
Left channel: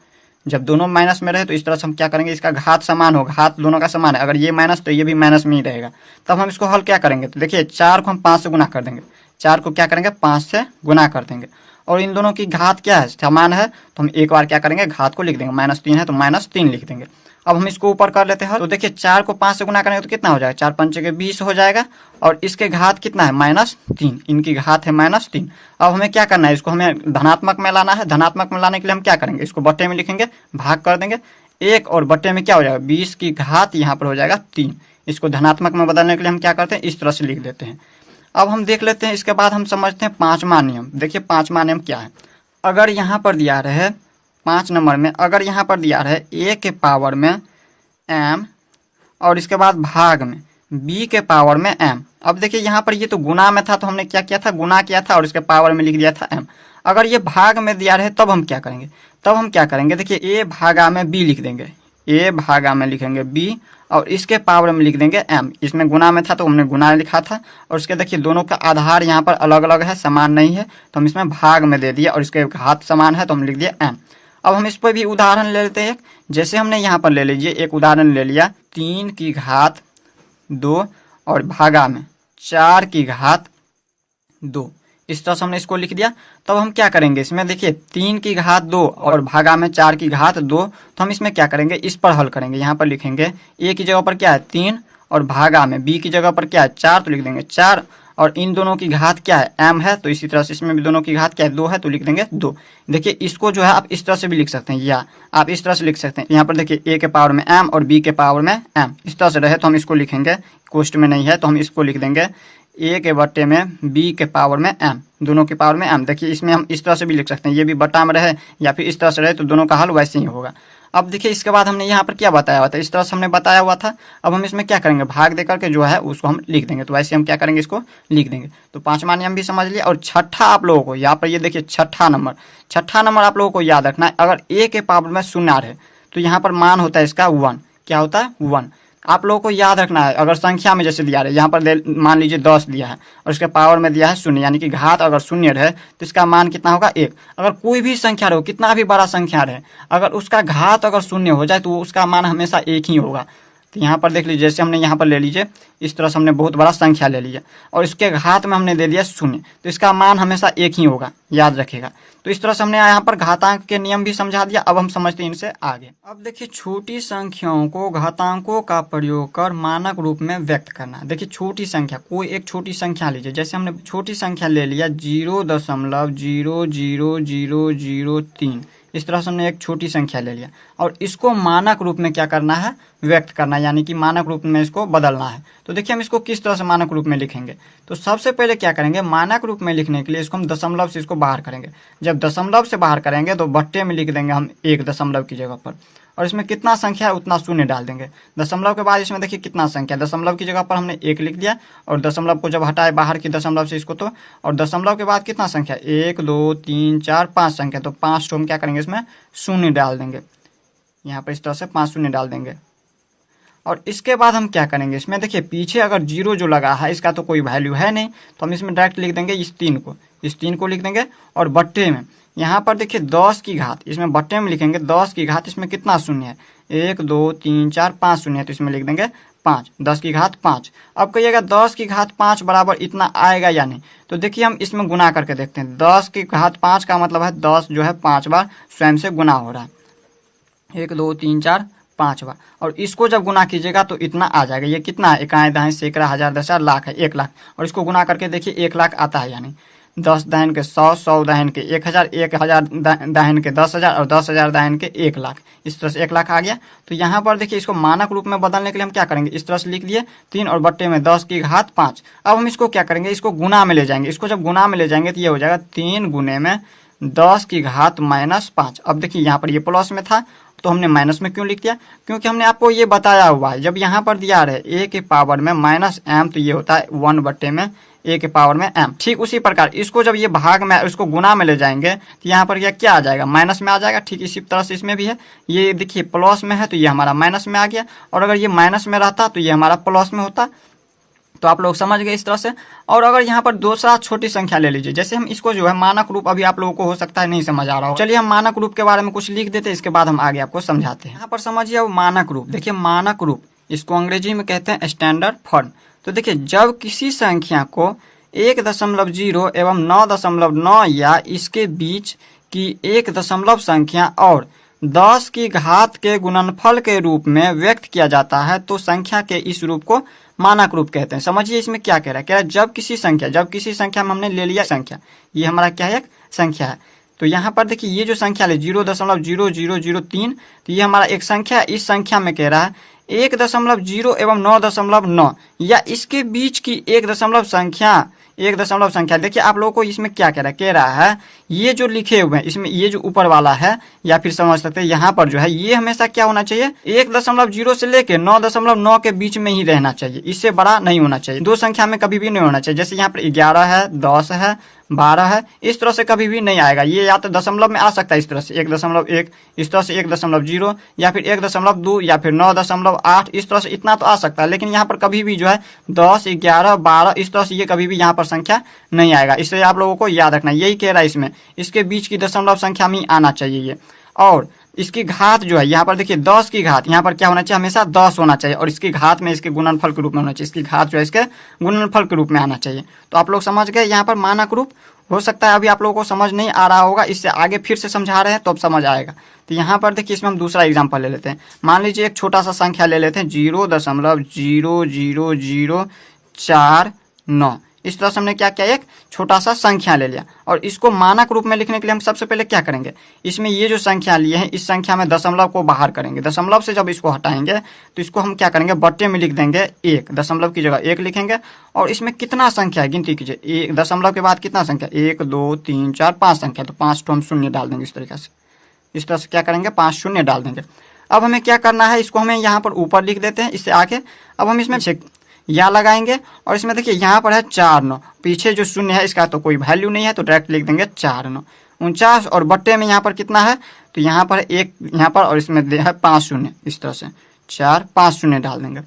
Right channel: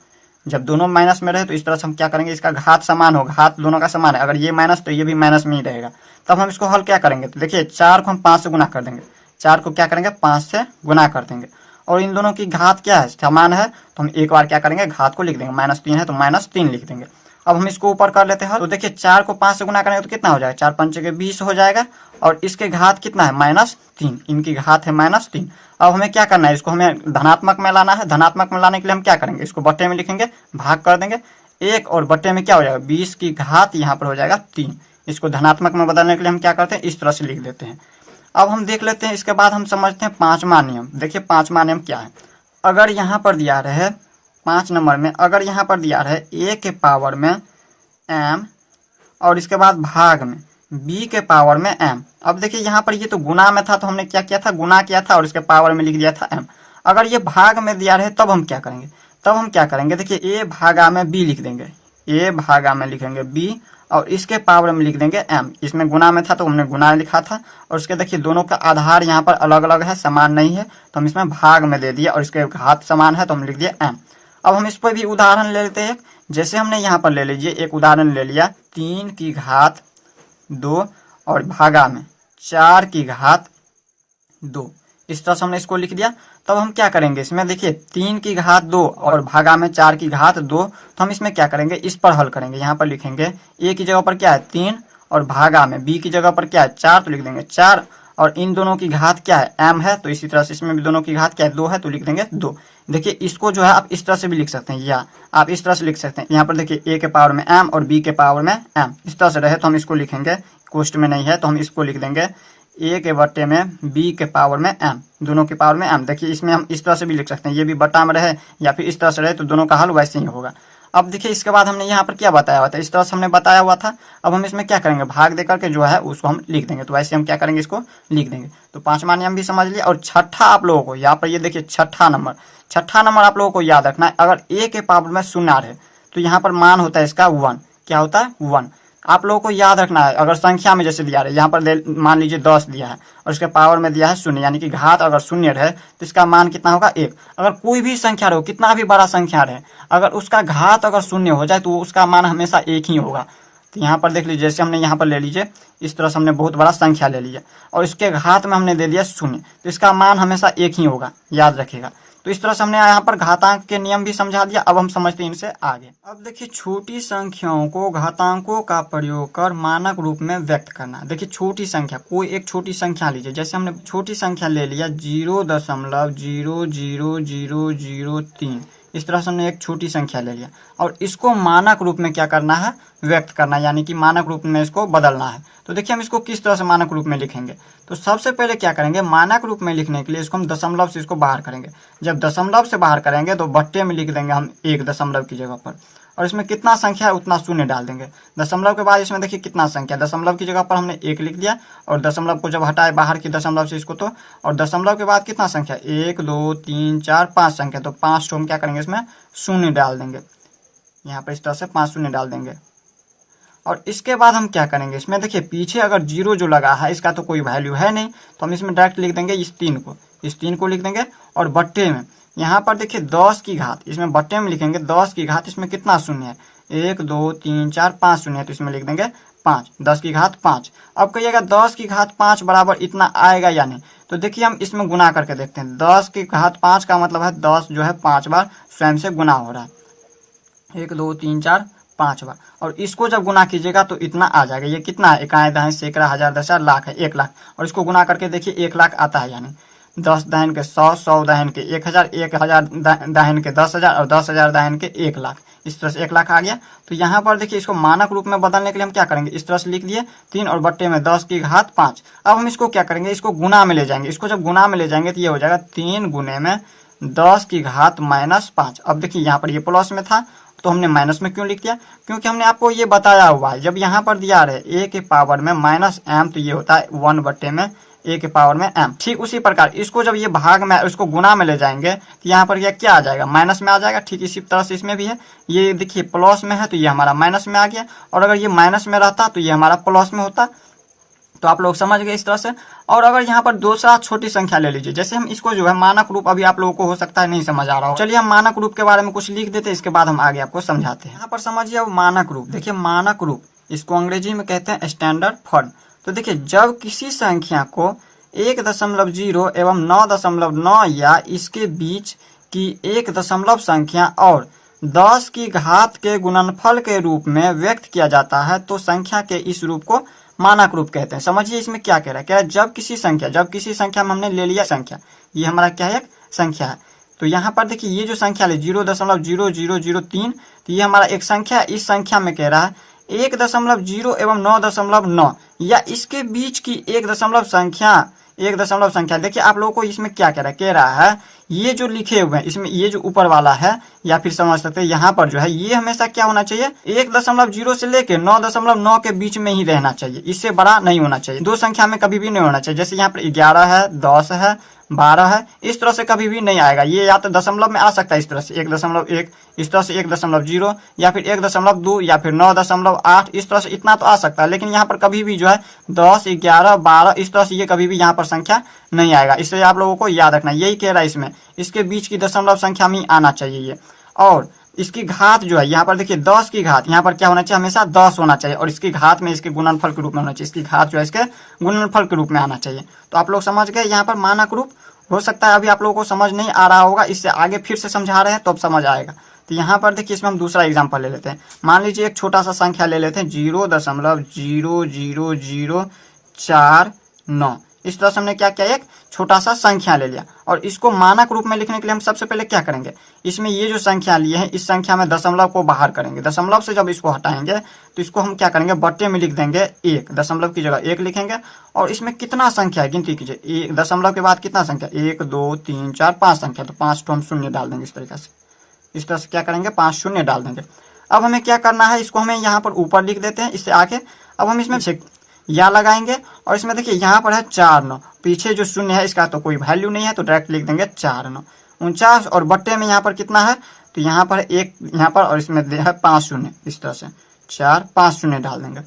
जब दोनों माइनस में रहे तो इस तरह से हम क्या करेंगे, इसका घात समान हो, घात दोनों का समान है, अगर ये माइनस तो ये भी माइनस में ही रहेगा। तब हम इसको हल क्या करेंगे, तो देखिए 4 को हम 5 से गुना कर देंगे, 4 को क्या करेंगे 5 से गुना कर देंगे और इन दोनों की घात क्या है, समान है, तो हम एक बार क्या करेंगे घात को लिख देंगे, -3 है तो -3 लिख देंगे। अब हम इसको ऊपर कर लेते हैं, तो देखिए 4 को 5 से गुना करेंगे तो कितना हो जाएगा, 4 पंचे के 20 हो जाएगा और इसके घात कितना है -3, इनकी घात है -3। अब हमें क्या करना है, इसको हमें धनात्मक में लाना है। धनात्मक में लाने के लिए हम क्या करेंगे, इसको बट्टे में लिखेंगे, भाग कर देंगे 1 और बट्टे में क्या हो जाएगा 20 की घात यहाँ पर हो जाएगा 3। इसको धनात्मक में बदलने के लिए हम क्या करते हैं, इस तरह से लिख देते हैं। अब हम देख लेते हैं, इसके बाद हम समझते हैं पांचवा नियम। देखिए पांचवा नियम क्या है, अगर यहाँ पर दिया रहे 5 नंबर में, अगर यहाँ पर दिया रहे a के पावर में m और इसके बाद भाग में b के पावर में m। अब देखिए यहाँ पर ये तो गुना में था तो हमने क्या किया था, गुना किया था और इसके पावर में लिख दिया था m। अगर ये भाग में दिया रहे तब हम क्या करेंगे, देखिए a भागा में b लिख देंगे, a भागा में लिखेंगे b और इसके पावर में लिख देंगे m। इसमें गुना में था तो हमने गुना लिखा था और इसके देखिए दोनों का आधार यहाँ पर अलग अलग है, समान नहीं है, तो हम इसमें भाग में दे दिया और इसके घात समान है तो हम लिख दिया m। अब हम इस पर भी उदाहरण ले लेते हैं। जैसे हमने यहाँ पर ले लीजिए एक उदाहरण ले लिया, 3 की घात 2 और भागा में 4 की घात 2, इस तरह से हमने इसको लिख दिया। तब हम क्या करेंगे, इसमें देखिए 3 की घात 2 और भागा में 4 की घात 2, तो हम इसमें क्या करेंगे, इस पर हल करेंगे। यहाँ पर लिखेंगे a की जगह पर क्या है 3 और भागा में b की जगह पर क्या है 4, तो लिख देंगे 4 और इन दोनों की घात क्या है m है, तो इसी तरह से इसमें भी दोनों की घात क्या है 2 है, तो लिख देंगे 2। देखिए इसको जो है आप इस तरह से भी लिख सकते हैं या आप इस तरह से लिख सकते हैं। यहाँ पर देखिए a के पावर में m और b के पावर में m, इस तरह से रहे तो हम इसको लिखेंगे, कोष्ट में नहीं है तो हम इसको लिख देंगे a के बट्टे में b के पावर में m, दोनों के पावर में m। देखिए इसमें हम इस तरह से भी लिख सकते हैं, ये भी बट्टा में रहे या फिर इस तरह से रहे तो दोनों का हल वैसे ही होगा। अब देखिए इसके बाद हमने यहाँ पर क्या बताया हुआ था, इस तरह से हमने बताया हुआ था। अब हम इसमें क्या करेंगे, भाग देकर के जो है उसको हम लिख देंगे, तो वैसे हम क्या करेंगे इसको लिख देंगे। तो पांचवा नियम भी समझ लिया। और छठा आप लोगों को यहाँ पर ये देखिए छठा नंबर आप लोगों को याद रखना है। अगर a के पावर में 0 है तो यहाँ पर मान होता है इसका 1, क्या होता है 1। आप लोगों को याद रखना है, अगर संख्या में जैसे दिया रहे, यहाँ पर मान लीजिए 10 दिया है और इसके पावर में दिया है 0, यानी कि घात अगर 0 रहे तो इसका मान कितना होगा 1। अगर कोई भी संख्या रहे, कितना भी बड़ा संख्या रहे, अगर उसका घात अगर 0 हो जाए तो उसका मान हमेशा 1 ही होगा। तो यहाँ पर देख लीजिए, जैसे हमने यहाँ पर ले लीजिए, इस तरह से हमने बहुत बड़ा संख्या ले लिया और इसके घात में हमने दे दिया 0, तो इसका मान हमेशा 1 ही होगा, याद रखिएगा। तो इस तरह से हमने यहाँ पर घातांक के नियम भी समझा दिया। अब हम समझते हैं इनसे आगे। अब देखिए, छोटी संख्याओं को घातांकों का प्रयोग कर मानक रूप में व्यक्त करना। देखिए, छोटी संख्या, कोई एक छोटी संख्या लीजिए, जैसे हमने छोटी संख्या ले लिया 0.00003, इस तरह से हमने एक छोटी संख्या ले लिया और इसको मानक रूप में क्या करना है, व्यक्त करना है, यानी कि मानक रूप में इसको बदलना है। तो देखिए, हम इसको किस तरह से मानक रूप में लिखेंगे। तो सबसे पहले क्या करेंगे, मानक रूप में लिखने के लिए इसको हम दशमलव से इसको बाहर करेंगे। जब दशमलव से बाहर करेंगे तो बट्टे में लिख देंगे हम 1 दशमलव की जगह पर, और इसमें कितना संख्या है उतना शून्य डाल देंगे। दशमलव के बाद इसमें देखिए कितना संख्या, दशमलव की जगह पर हमने 1 लिख दिया और दशमलव को जब हटाए बाहर की दशमलव से इसको, तो और दशमलव के बाद कितना संख्या, 1 2 3 4 5 संख्या, तो 5 तो हम क्या करेंगे, इसमें शून्य डाल देंगे। यहाँ पर इस तरह से 5 शून्य डाल देंगे। और इसके बाद हम क्या करेंगे, इसमें देखिए पीछे अगर 0 जो लगा है इसका तो कोई वैल्यू है नहीं, तो हम इसमें डायरेक्ट लिख देंगे इस 3 को लिख देंगे। और बट्टे में यहाँ पर देखिए 10 की घात, इसमें बट्टे में लिखेंगे 10 की घात, इसमें कितना शून्य है, 1 2 3 4 5 शून्य है, तो इसमें लिख देंगे 5, 10 की घात 5। अब कहिएगा 10 की घात 5 बराबर इतना आएगा या नहीं, तो देखिए हम इसमें गुना करके देखते हैं। 10 की घात 5 का मतलब है 10 जो है 5 बार स्वयं से गुना हो रहा है, 1 2 3 4 5 बार, और इसको जब गुना कीजिएगा तो इतना आ जाएगा। ये कितना है, इकाई दहाई सैकड़ा हजार दशा लाख है, 1 लाख, और इसको गुना करके देखिए 1 लाख आता है, यानी 10 दाहिन के 100, 100 दाहिन के 1000, 1000 दाहिन के 10,000 और 10,000 दाहिन के 1 लाख, इस तरह से 1 लाख आ गया। तो यहाँ पर देखिए इसको मानक रूप में बदलने के लिए हम क्या करेंगे, इस तरह से लिख दिए 3 और बट्टे में 10 की घात 5। अब हम इसको क्या करेंगे, इसको गुना में ले जाएंगे। इसको जब गुना में ले जाएंगे तो ये हो जाएगा 3 गुने में 10 की घात -5। अब देखिए यहाँ पर ये प्लस में था तो हमने माइनस में क्यों लिख दिया, क्योंकि हमने आपको ये बताया हुआ है, जब यहाँ पर दिया रहे a के पावर में -m, तो ये होता है 1 बट्टे में a के पावर में m। ठीक उसी प्रकार इसको जब ये भाग में, इसको गुना में ले जाएंगे तो यहाँ पर ये क्या आ जाएगा, माइनस में आ जाएगा। ठीक इसी तरह से इसमें भी है, ये देखिए प्लस में है तो ये हमारा माइनस में आ गया, और अगर ये माइनस में रहता तो ये हमारा प्लस में होता। तो आप लोग समझ गए इस तरह से। और अगर यहाँ पर दूसरा छोटी संख्या ले लीजिए, जैसे हम इसको जो है मानक रूप, अभी आप लोगों को हो सकता है नहीं समझ आ रहा हो, चलिए हम मानक रूप के बारे में कुछ लिख देते हैं, इसके बाद हम आगे आपको समझाते हैं। यहाँ पर समझिए अब मानक रूप, देखिए मानक रूप, इसको अंग्रेजी में कहते हैं स्टैंडर्ड फॉर्म। तो देखिए जब किसी संख्या को 1.0 एवं 9.9 या इसके बीच की एक दशमलव संख्या और 10 की घात के गुणनफल के रूप में व्यक्त किया जाता है तो संख्या के इस रूप को मानक रूप कहते हैं। समझिए इसमें क्या कह रहा है, कह रहा है जब किसी संख्या में हमने ले लिया संख्या, ये हमारा क्या है, एक संख्या है। तो यहाँ पर देखिए ये जो संख्या है 0.0003, तो ये हमारा एक संख्या है। इस संख्या में कह रहा है 1.0 एवं 9.9 या इसके बीच की एक दशमलव संख्या। देखिए आप लोगों को इसमें क्या कह रहा है ये जो लिखे हुए हैं इसमें, ये जो ऊपर वाला है, या फिर समझ सकते हैं यहाँ पर जो है ये हमेशा क्या होना चाहिए, 1.0 से लेके 9.9 के बीच में ही रहना चाहिए, इससे बड़ा नहीं होना चाहिए। दो संख्या में कभी भी नहीं होना चाहिए, जैसे यहाँ पर 11 है, 10 है, 12 है, इस तरह से कभी भी नहीं आएगा। ये या तो दशमलव में आ सकता है इस तरह से 1.1, इस तरह से 1.0, या फिर 1.2 या फिर 9.8, इस तरह से इतना तो आ सकता है। लेकिन यहाँ पर कभी भी जो है 10, 11, 12 इस तरह से ये कभी भी यहाँ पर संख्या नहीं आएगा। इससे आप लोगों को याद रखना, यही कह रहा है इसमें, इसके बीच की दशमलव संख्या में आना चाहिए ये। और इसकी घात जो है यहाँ पर देखिए 10 की घात, यहाँ पर क्या होना चाहिए, हमेशा 10 होना चाहिए, और इसकी घात में इसके गुणनफल के रूप में होना चाहिए। इसकी घात जो है इसके गुणनफल के रूप में आना चाहिए। तो आप लोग समझ गए, यहाँ पर मानक रूप हो सकता है अभी आप लोगों को समझ नहीं आ रहा होगा, इससे आगे फिर से समझा रहे हैं तो अब समझ आएगा। तो यहाँ पर देखिए इसमें हम दूसरा एग्जाम्पल ले लेते हैं। मान लीजिए एक छोटा सा संख्या ले लेते हैं 0.00049। इस तरह से हमने क्या किया, एक छोटा सा संख्या ले लिया, और इसको मानक रूप में लिखने के लिए हम सबसे पहले क्या करेंगे, इसमें ये जो संख्या लिए हैं इस संख्या में दशमलव को बाहर करेंगे। दशमलव से जब इसको हटाएंगे तो इसको हम क्या करेंगे, बट्टे में लिख देंगे 1, दशमलव की जगह 1 लिखेंगे। और इसमें कितना संख्या है गिनती कीजिए, 1 दशमलव के बाद कितना संख्या, 1 2 3 4 5 संख्या, तो 5 तो हम शून्य डाल देंगे इस तरीके से। इस तरह से क्या करेंगे, 5 शून्य डाल देंगे। अब हमें क्या करना है, इसको हमें यहाँ पर ऊपर लिख देते हैं इससे आगे। अब हम इसमें या लगाएंगे, और इसमें देखिए यहाँ पर है 4 9, पीछे जो शून्य है इसका तो कोई वैल्यू नहीं है, तो डायरेक्ट लिख देंगे 4 9 49। और बट्टे में यहाँ पर कितना है, तो यहाँ पर 1 यहाँ पर, और इसमें है 5 शून्य, इस तरह से 4 5 शून्य डाल देंगे।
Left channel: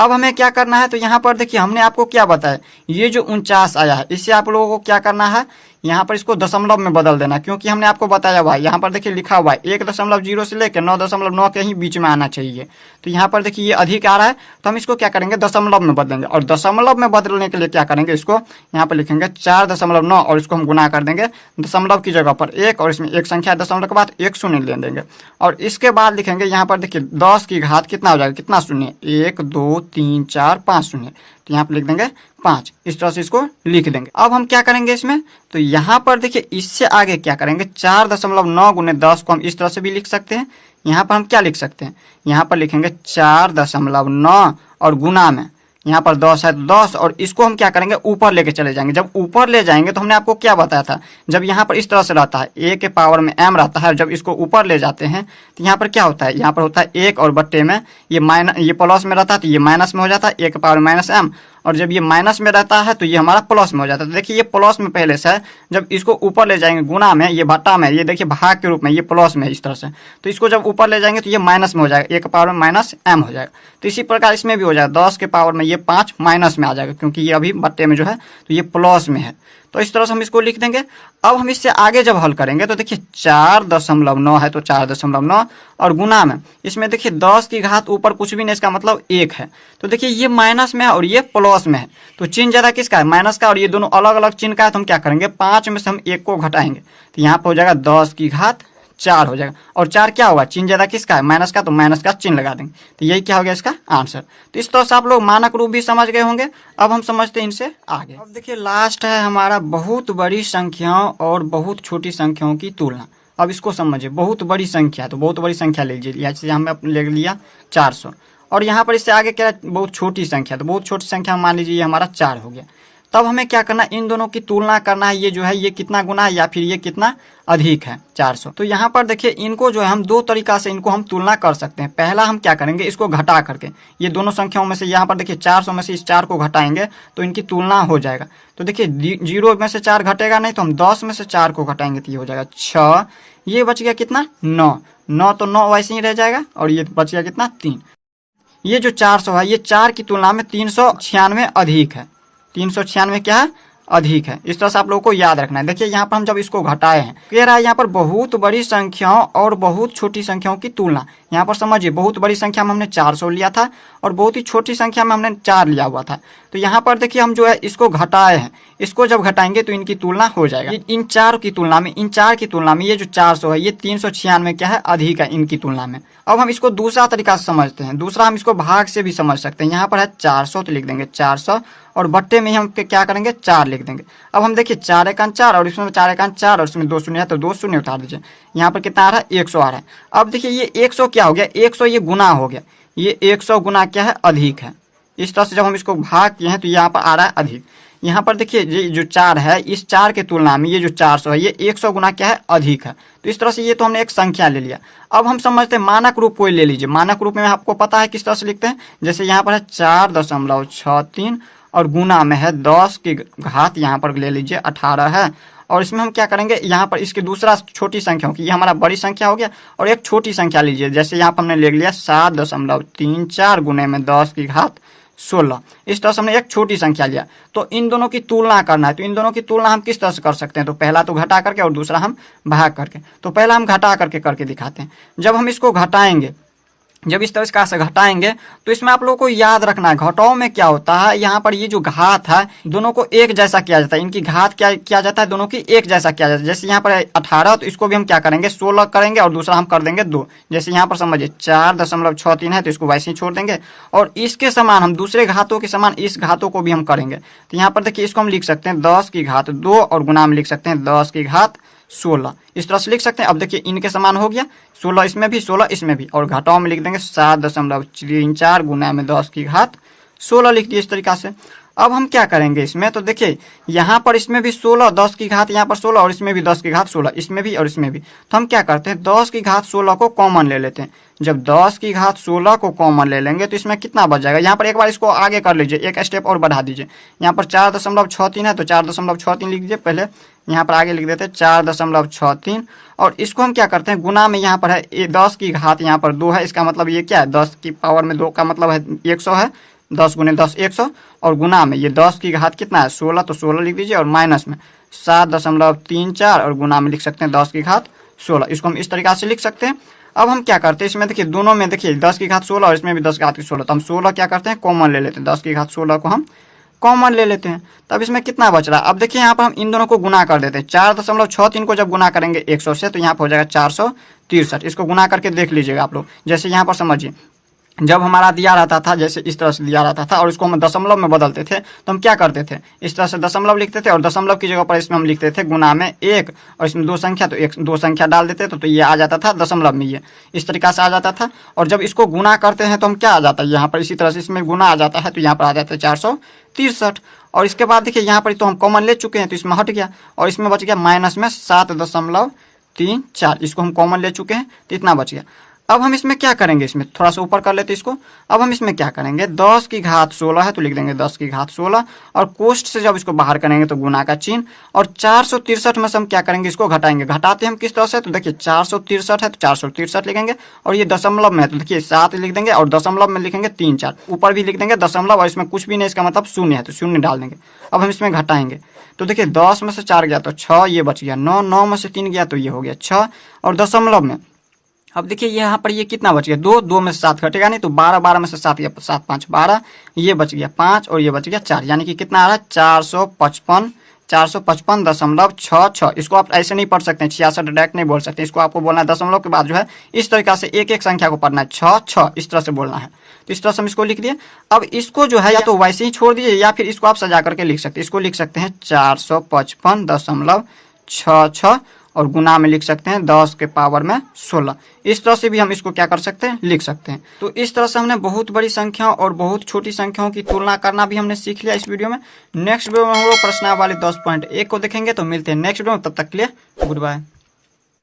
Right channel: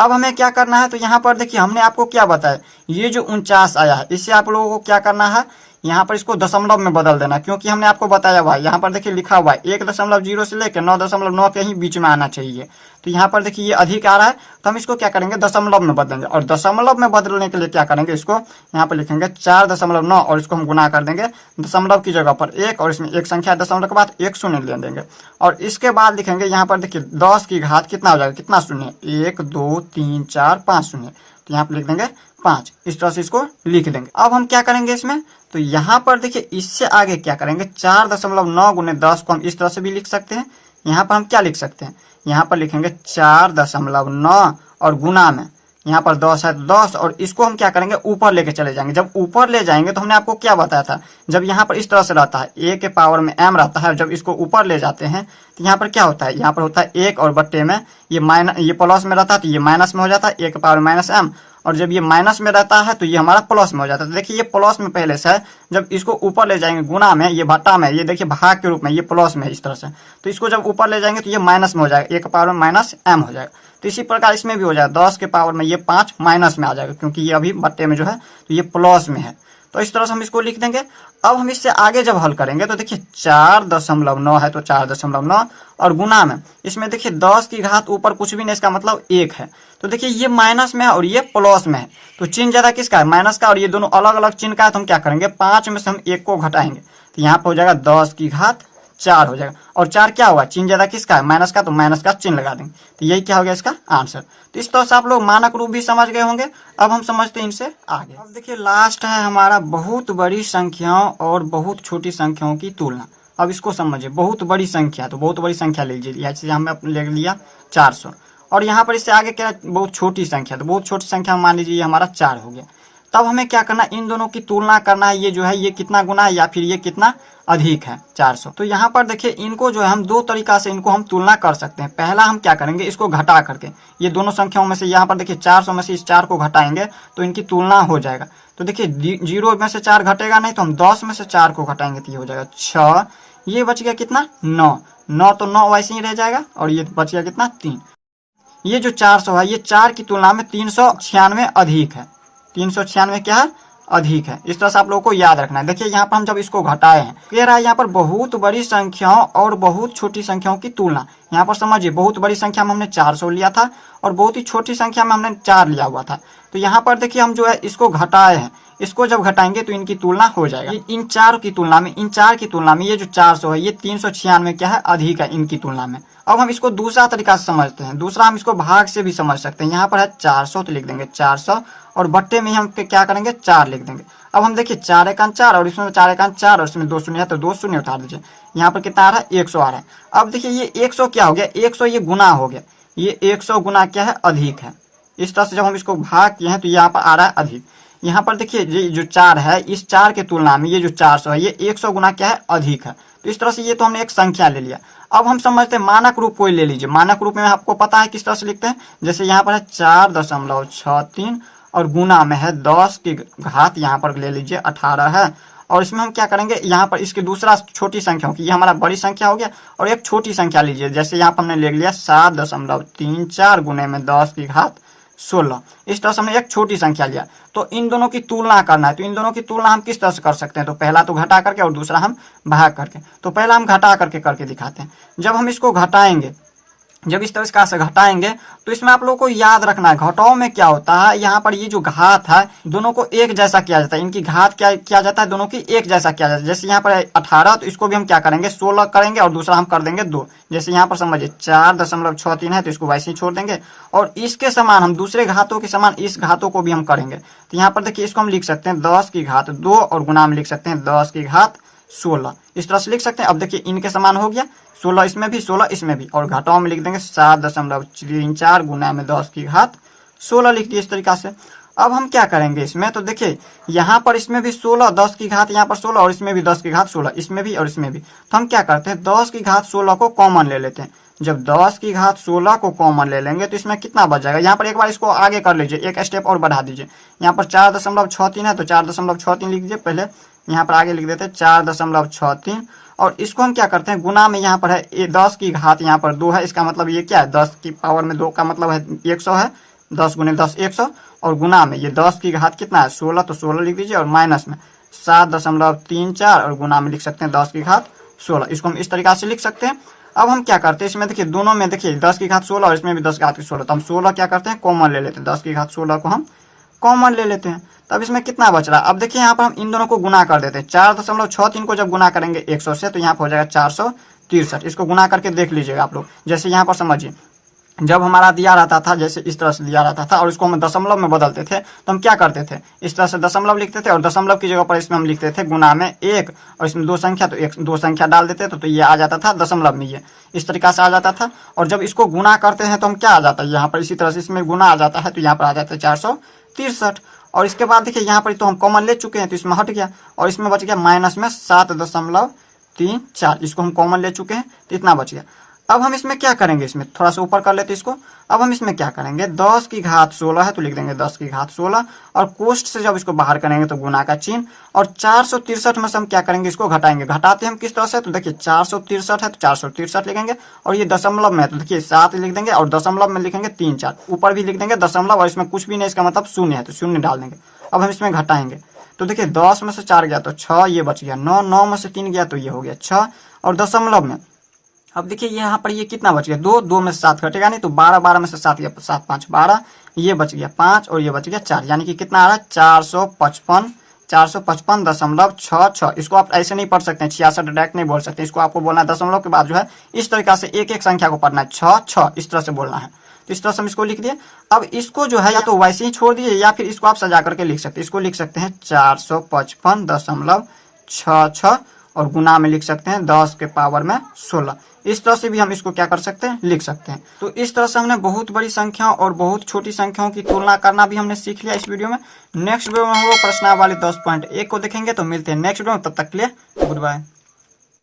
अब हमें क्या करना है, तो यहाँ पर देखिए हमने आपको क्या बताया, ये जो 49 आया है इससे आप लोगों को क्या करना है, यहाँ पर इसको दशमलव में बदल देना, क्योंकि हमने आपको बताया हुआ है यहाँ पर देखिए लिखा हुआ है 1.0 से लेकर 9.9 के ही बीच में आना चाहिए। तो यहाँ पर देखिए ये अधिक आ रहा है, तो हम इसको क्या करेंगे दशमलव में बदलेंगे, और दशमलव में बदलने के लिए क्या करेंगे, इसको यहाँ पर लिखेंगे 4.9 और इसको हम गुना कर देंगे दशमलव की जगह पर 1, और इसमें एक संख्या दशमलव के बाद 1 शून्य ले देंगे, और इसके बाद लिखेंगे यहाँ पर देखिए 10 की घात कितना हो जाएगा, कितना शून्य, 1 2 3 4 5 शून्य, तो यहाँ पर लिख देंगे 5, इस तरह से इसको लिख देंगे। अब हम क्या करेंगे इसमें, तो यहाँ पर देखिए इससे आगे क्या करेंगे 4.9 गुने 10 को हम इस तरह से भी लिख सकते हैं। यहाँ पर हम क्या लिख सकते हैं, यहाँ पर लिखेंगे 4.9 और गुना में यहाँ पर 10 है 10, और इसको हम क्या करेंगे ऊपर लेके चले जाएंगे। जब ऊपर ले जाएंगे तो हमने आपको क्या बताया था, जब यहाँ पर इस तरह से रहता है a के पावर में m रहता है, जब इसको ऊपर ले जाते हैं तो यहाँ पर क्या होता है, यहाँ पर होता है 1 और बट्टे में ये प्लस में रहता है तो ये माइनस में हो जाता है, a के पावर माइनस m, और जब ये माइनस में रहता है तो ये हमारा प्लस में हो जाता है। तो देखिए ये प्लस में पहले से है, जब इसको ऊपर ले जाएंगे गुना में, ये भट्टा में, ये देखिए भाग के रूप में, ये प्लस में इस तरह से, तो इसको जब ऊपर ले जाएंगे तो ये माइनस में हो जाएगा, a के पावर में माइनस m हो जाएगा। तो इसी प्रकार इसमें भी हो जाएगा 10 के पावर में ये 5 माइनस में आ जाएगा, क्योंकि ये अभी बट्टे में जो है तो ये प्लस में है। तो इस तरह से हम इसको लिख देंगे। अब हम इससे आगे जब हल करेंगे तो देखिए 4.9 है तो 4.9, और गुना में इसमें देखिए 10 की घात ऊपर कुछ भी नहीं, इसका मतलब 1 है। तो देखिए ये माइनस में है और ये प्लस में है, तो चिन्ह ज्यादा किसका है, माइनस का, और ये दोनों अलग अलग चिन्ह का है। तो हम क्या करेंगे 5 में से हम 1 को घटाएंगे, तो यहाँ पर हो जाएगा 10 की घात 4 हो जाएगा, और 4 क्या हुआ, चिन्ह ज्यादा किसका है, माइनस का, तो माइनस का चिन्ह लगा देंगे, तो यही क्या हो गया इसका आंसर। तो इस तरह से आप लोग मानक रूप भी समझ गए होंगे। अब हम समझते हैं इनसे आगे। अब देखिए लास्ट है हमारा बहुत बड़ी संख्याओं और बहुत छोटी संख्याओं की तुलना। अब इसको समझिए, बहुत बड़ी संख्या, तो बहुत बड़ी संख्या ले लीजिए, जैसे हमने ले लिया 400, और यहाँ पर इससे आगे क्या बहुत छोटी संख्या, तो बहुत छोटी संख्या मान लीजिए ये हमारा 4 हो गया। तब हमें क्या करना, इन दोनों की तुलना करना है, ये जो है ये कितना गुना है या फिर ये कितना अधिक है 400। तो यहाँ पर देखिए इनको जो है हम दो तरीका से इनको हम तुलना कर सकते हैं। पहला हम क्या करेंगे, इसको घटा करके, ये दोनों संख्याओं में से यहाँ पर देखिए 400 में से इस 4 को घटाएंगे तो इनकी तुलना हो जाएगा। तो देखिए 0 में से 4 घटेगा नहीं, तो हम 10 में से 4 को घटाएंगे तो ये हो जाएगा 6, ये बच गया कितना 9, तो 9 वैसे ही रह जाएगा, और ये बच गया कितना 3। ये जो 400 है ये 4 की तुलना में 396 अधिक है, 396 क्या है अधिक है। इस तरह से आप लोगों को याद रखना है। देखिए यहाँ पर हम जब इसको घटाए हैं, कह रहा है यहाँ पर बहुत बड़ी संख्याओं और बहुत छोटी संख्याओं की तुलना। यहाँ पर समझिए बहुत बड़ी संख्या में हमने 400 लिया था और बहुत ही छोटी संख्या में हमने 4 लिया हुआ था। तो यहाँ पर देखिए हम जो है इसको घटाए हैं, इसको जब घटाएंगे तो इनकी तुलना हो जाएगा। इन 4 की तुलना में ये जो 400 है ये 396 क्या है अधिक है इनकी तुलना में। अब हम इसको दूसरा तरीका से समझते हैं। दूसरा हम इसको भाग से भी समझ सकते हैं। यहाँ पर है 400 तो लिख देंगे 400 और बट्टे में हम क्या करेंगे 4 लिख देंगे। अब हम देखिए 4 एकान 4 और इसमें 4 एकान 4 और इसमें 2 शून्य है तो 2 शून्य उतार दीजिए। यहाँ पर कितना आ रहा है 100 आ रहा है। अब देखिए ये 100 क्या हो गया, 100 ये गुना हो गया, ये 100 गुना क्या है अधिक है। इस तरह से जब हम इसको भाग किए हैं तो यहाँ पर आ रहा है अधिक। यहाँ पर देखिए ये जो 4 है इस 4 के तुलना में ये जो 400 है ये 100 गुना क्या है अधिक है। तो इस तरह से ये तो हमने एक संख्या ले लिया। अब हम समझते हैं मानक रूप कोई ले लीजिए। मानक रूप में आपको पता है किस तरह से लिखते हैं, जैसे यहाँ पर है 4.63 और गुना में है 10 की घात यहाँ पर ले लीजिए 18 है। और इसमें हम क्या करेंगे, यहाँ पर इसकी दूसरा छोटी संख्या की, ये हमारा बड़ी संख्या हो गया और एक छोटी संख्या लीजिए, जैसे यहाँ पर हमने ले लिया 7.34 गुने में 10 की घात 16। इस तरह से हमने एक छोटी संख्या लिया। तो इन दोनों की तुलना करना है, तो इन दोनों की तुलना हम किस तरह से कर सकते हैं, तो पहला तो घटा करके और दूसरा हम भाग करके। तो पहला हम घटा करके दिखाते हैं। जब हम इसको घटाएंगे, जब इस तरह से घटाएंगे तो इसमें आप लोगों को याद रखना है घटाओ में क्या होता है, यहाँ पर ये जो घात है दोनों को एक जैसा किया जाता है। इनकी घात क्या किया जाता है, दोनों की एक जैसा किया जाता है। जैसे यहाँ पर 18 तो इसको भी हम क्या करेंगे 16 करेंगे और दूसरा हम कर देंगे 2। जैसे यहाँ पर समझिए 4.63 है तो इसको वैसे ही छोड़ देंगे और इसके समान हम दूसरे घातों के समान इस घातों को भी हम करेंगे। तो यहाँ पर देखिए इसको हम लिख सकते हैं 10 की घात 2 और गुना में लिख सकते हैं 10 की घात 16। इस तरह से लिख सकते हैं। अब देखिए इनके समान हो गया, 16 इसमें भी 16 इसमें भी, और घटाओ में लिख देंगे 7.34 गुना में 10 की घात 16 लिख दिए इस तरीका से। अब हम क्या करेंगे इसमें, तो देखिए यहाँ पर इसमें भी 16 10 की घात यहाँ पर 16 और इसमें भी 10 की घात 16 इसमें भी और इसमें भी। तो हम क्या करते हैं 10 की घात 16 को कॉमन ले लेते हैं। जब 10 की घात 16 को कॉमन ले लेंगे तो इसमें कितना बच जाएगा, यहाँ पर एक बार इसको आगे कर लीजिए, एक स्टेप और बढ़ा दीजिए। यहाँ पर 4.63 है तो 4.63 लिख दीजिए, पहले यहाँ पर आगे लिख देते हैं 4.63 और इसको हम क्या करते हैं गुना में, यहाँ पर है 10 की घात यहाँ पर 2 है, इसका मतलब ये क्या है 10 की पावर में 2 का मतलब है 100 है 10 गुने 10 100 और गुना में ये 10 की घात कितना है 16, तो 16 लिख दीजिए और माइनस में 7.34 और गुना में लिख सकते हैं 10 की घात 16। इसको हम इस तरीका से लिख सकते हैं। अब हम क्या करते हैं इसमें देखिए दोनों में देखिए 10 की घात 16 और इसमें भी 10 की घात 16, तो हम 16 क्या करते हैं कॉमन ले लेते हैं, 10 की घात 16 को हम कॉमन ले लेते हैं। तब इसमें कितना बच रहा है, अब देखिए यहाँ पर हम इन दोनों को गुना कर देते हैं। 4.63 को जब गुना करेंगे 100 से तो यहाँ पर हो जाएगा 463। इसको गुना करके देख लीजिएगा आप लोग। जैसे यहाँ पर समझिए जब हमारा दिया रहता था जैसे इस तरह से दिया रहता था और इसको हम दशमलव में बदलते थे तो हम क्या करते थे इस तरह से दशमलव लिखते थे और दशमलव की जगह पर इसमें हम लिखते थे गुना में 1 और इसमें 2 संख्या तो 2 संख्या डाल देते थे तो ये आ जाता था दशमलव में, ये इस तरीका से आ जाता था। और जब इसको गुना करते हैं तो हम क्या आ जाता है यहाँ पर इसी तरह से इसमें गुना आ जाता है तो यहाँ पर आ जाता है 463। और इसके बाद देखिए यहाँ पर तो हम कॉमन ले चुके हैं तो इसमें हट गया और इसमें बच गया माइनस में 7.34, इसको हम कॉमन ले चुके हैं तो इतना बच गया। अब हम इसमें क्या करेंगे, इसमें थोड़ा सा ऊपर कर लेते इसको। अब हम इसमें क्या करेंगे 10 की घात 16 है तो लिख देंगे 10 की घात 16 और कोष्ठ से जब इसको बाहर करेंगे तो गुना का चिन्ह। और 463 में से हम क्या करेंगे इसको घटाएंगे, घटाते हम किस तरह से तो देखिए 463 है तो 463 लिखेंगे और ये दशमलव में है तो देखिए 7 लिख देंगे और दशमलव में लिखेंगे 3 4, ऊपर भी लिख देंगे दशमलव और इसमें कुछ भी नहीं इसका मतलब शून्य है तो शून्य डाल देंगे। अब हम इसमें घटाएंगे तो देखिए 10 में से 4 गया तो 6, ये बच गया 9, 9 में से 3 गया तो ये हो गया 6 और दशमलव में अब देखिए यहाँ पर ये कितना बच गया 2, 2 में से 7 घटेगा नहीं तो 12, 12 में से 7 गया 7 5 12, ये बच गया 5 और ये बच गया 4, यानी कि कितना आ रहा है 455.66। इसको आप ऐसे नहीं पढ़ सकते हैं 66 डायरेक्ट नहीं बोल सकते, इसको आपको बोलना है दशमलव के बाद जो है इस तरीका से एक एक संख्या को पढ़ना है 6 6 इस तरह से बोलना है। तो इस तरह से हम इसको लिख दिए। अब इसको जो है या तो वैसे ही छोड़ दिए या फिर इसको आप सजा करके लिख सकते हैं। इसको लिख सकते हैं 455.66 और गुना में लिख सकते हैं 10 के पावर में 16। इस तरह से भी हम इसको क्या कर सकते हैं लिख सकते हैं। तो इस तरह से हमने बहुत बड़ी संख्याओं और बहुत छोटी संख्याओं की तुलना करना भी हमने सीख लिया इस वीडियो में। नेक्स्ट वीडियो में हम लोग प्रश्नावली 10.1 को देखेंगे। तो मिलते हैं नेक्स्ट वीडियो में, तब तक के लिए गुड बाय।